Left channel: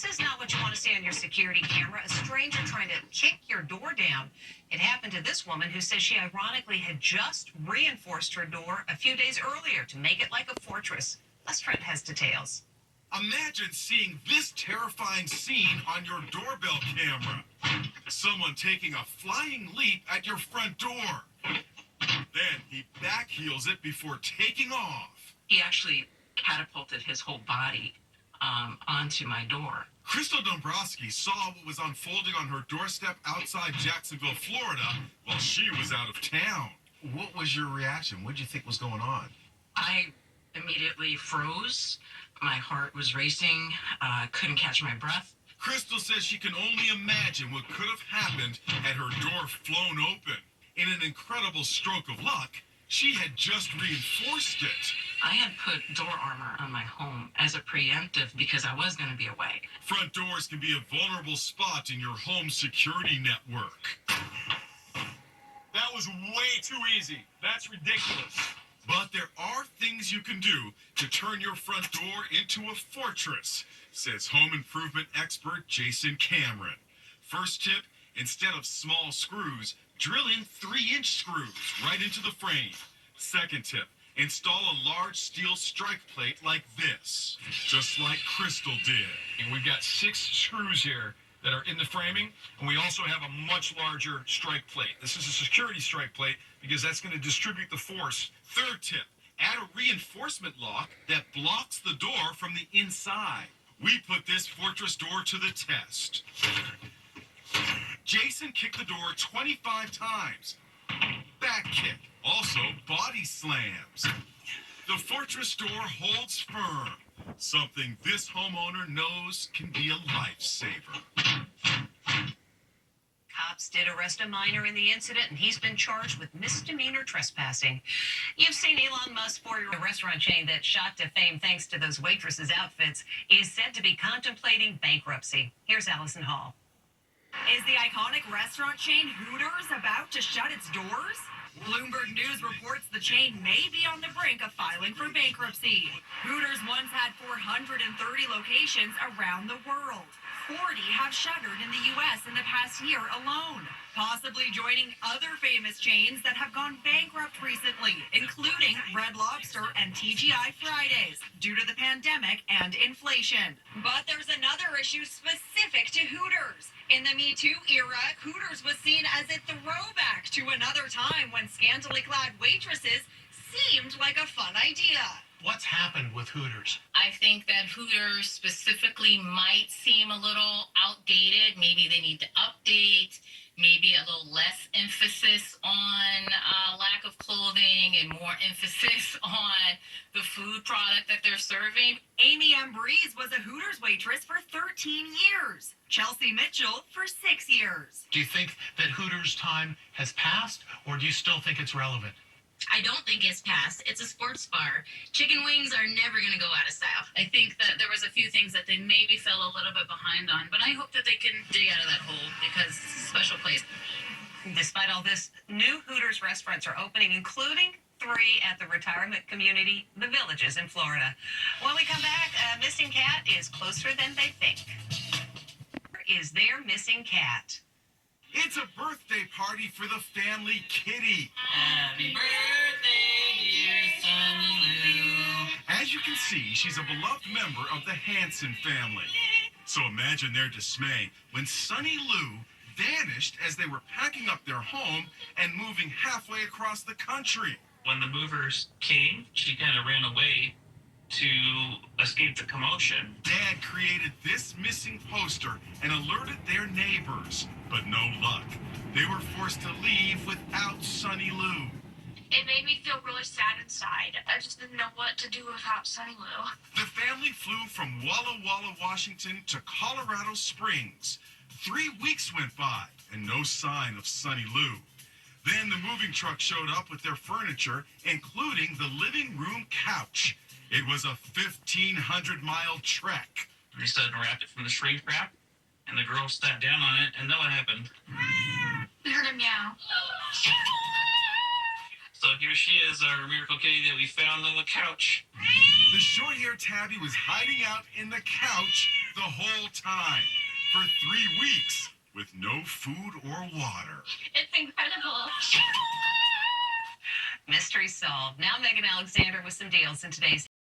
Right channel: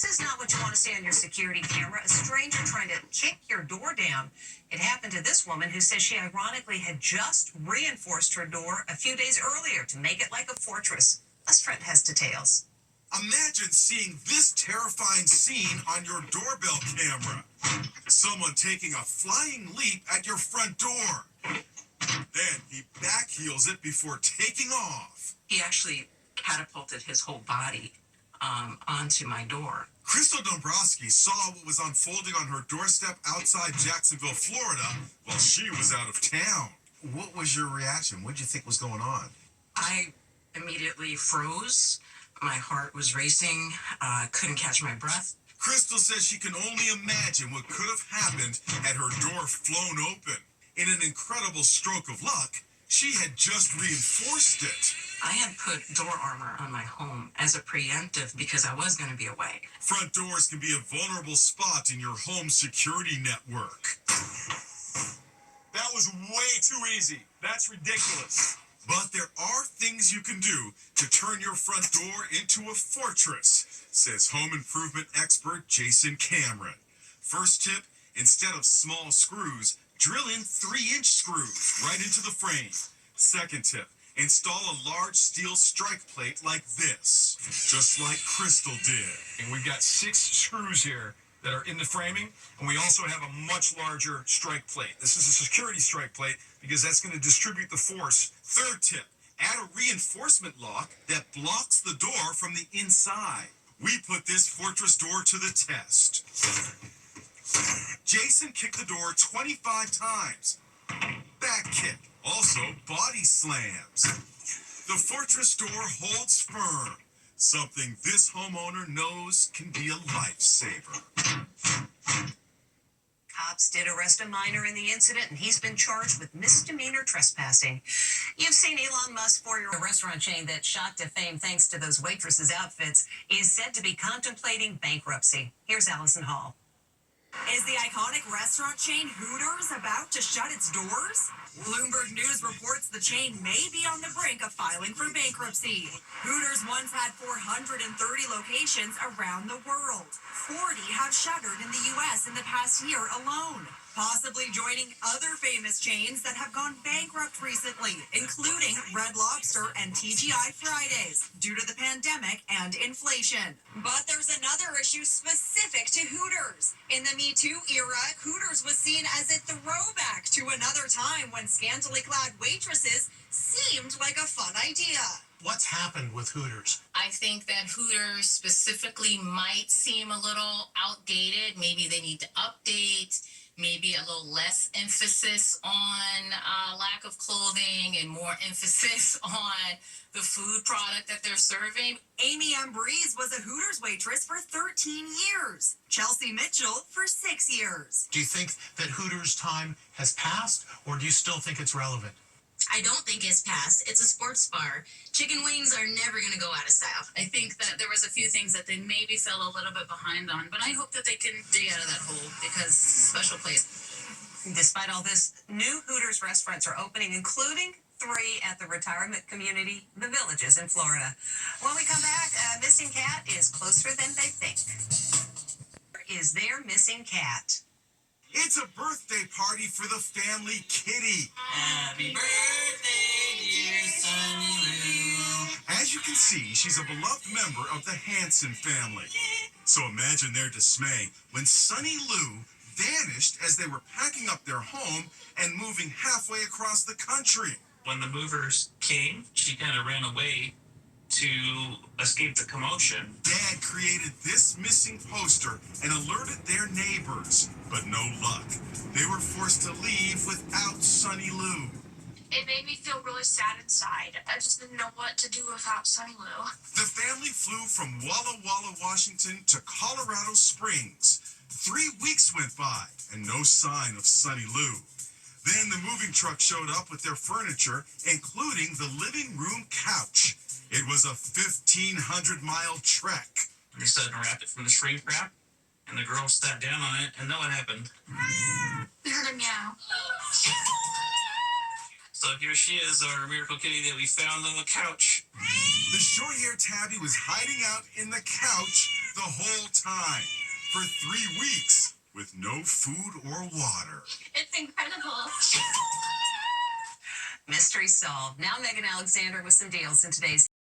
This is not what you want to see on your security camera. A stranger trying to kick your door down. It happened to this woman who says she ironically had just reinforced her door a few days earlier to make it like a fortress. Les Trent has details. Imagine seeing this terrifying scene on your doorbell camera. Someone taking a flying leap at your front door. Then he backheels it before taking off. He actually catapulted his whole body onto my door. Crystal Dombrowski saw what was unfolding on her doorstep outside Jacksonville, Florida, while she was out of town. What was your reaction? What did you think was going on? I immediately froze. My heart was racing. Couldn't catch my breath. Crystal says she can only imagine what could have happened had her door flown open. In an incredible stroke of luck, she had just reinforced it. I had put door armor on my home as a preemptive because I was going to be away. Front doors can be a vulnerable spot in your home security network. That was way too easy. That's ridiculous. But there are things you can do to turn your front door into a fortress, says home improvement expert Jason Cameron. First tip, instead of small screws, drill in 3-inch screws right into the frame. Second tip, install a large steel strike plate like this, just like Crystal did. And we've got 6 screws here that are in the framing, and we also have a much larger strike plate. This is a security strike plate because that's going to distribute the force. Third tip, add a reinforcement lock that blocks the door from the inside. We put this fortress door to the test. Jason kicked the door 25 times. Back kick, also body slams. The fortress door holds firm, something this homeowner knows can be a lifesaver. Cops did arrest a minor in the incident, and he's been charged with misdemeanor trespassing. You've seen Elon Musk for your restaurant chain that shot to fame thanks to those waitresses' outfits is said to be contemplating bankruptcy. Here's Allison Hall. Is the iconic restaurant chain Hooters about to shut its doors? Bloomberg News reports the chain may be on the brink of filing for bankruptcy. Hooters once had 430 locations around the world. 40 have shuttered in the U.S. in the past year alone, possibly joining other famous chains that have gone bankrupt recently, including Red Lobster and TGI Fridays, due to the pandemic and inflation. But there's another issue specific to Hooters. In the Me Too era, Hooters was seen as a throwback to another time when scantily clad waitresses seemed like a fun idea. What's happened with Hooters? I think that Hooters specifically might seem a little outdated. Maybe they need to update, maybe a little less emphasis on lack of clothing and more emphasis on the food product that they're serving. Amy Ambrose was a Hooters waitress for 13 years. Chelsea Mitchell for 6 years. Do you think that Hooters' time has passed, or do you still think it's relevant? I don't think it's passed. It's a sports bar. Chicken wings are never going to go out of style. I think that there was a few things that they maybe fell a little bit behind on, but I hope that they can dig out of that hole because special place. Despite all this, new Hooters restaurants are opening, including 3 at the retirement community, The Villages in Florida. When we come back, a missing cat is closer than they think. Where is their missing cat? It's a birthday party for the family kitty. Happy birthday, dear Sunny Lou. As you can see, she's a beloved member of the Hanson family. So imagine their dismay when Sunny Lou vanished as they were packing up their home and moving halfway across the country. When the movers came, she kind of ran away to escape the commotion. Dad created this missing poster and alerted their neighbors, but no luck. They were forced to leave without Sunny Lou. It made me feel really sad inside. I just didn't know what to do without Sunny Lou. The family flew from Walla Walla, Washington to Colorado Springs. 3 weeks went by and no sign of Sunny Lou. Then the moving truck showed up with their furniture, including the living room couch. It was a 1,500-mile trek. They said unwrap it from the shrink wrap, and the girl sat down on it, and then what happened? We heard a meow. So here she is, our miracle kitty that we found on the couch. The short-haired tabby was hiding out in the couch the whole time for 3 weeks with no food or water. It's incredible. Mystery solved. Now Megan Alexander with some deals in today's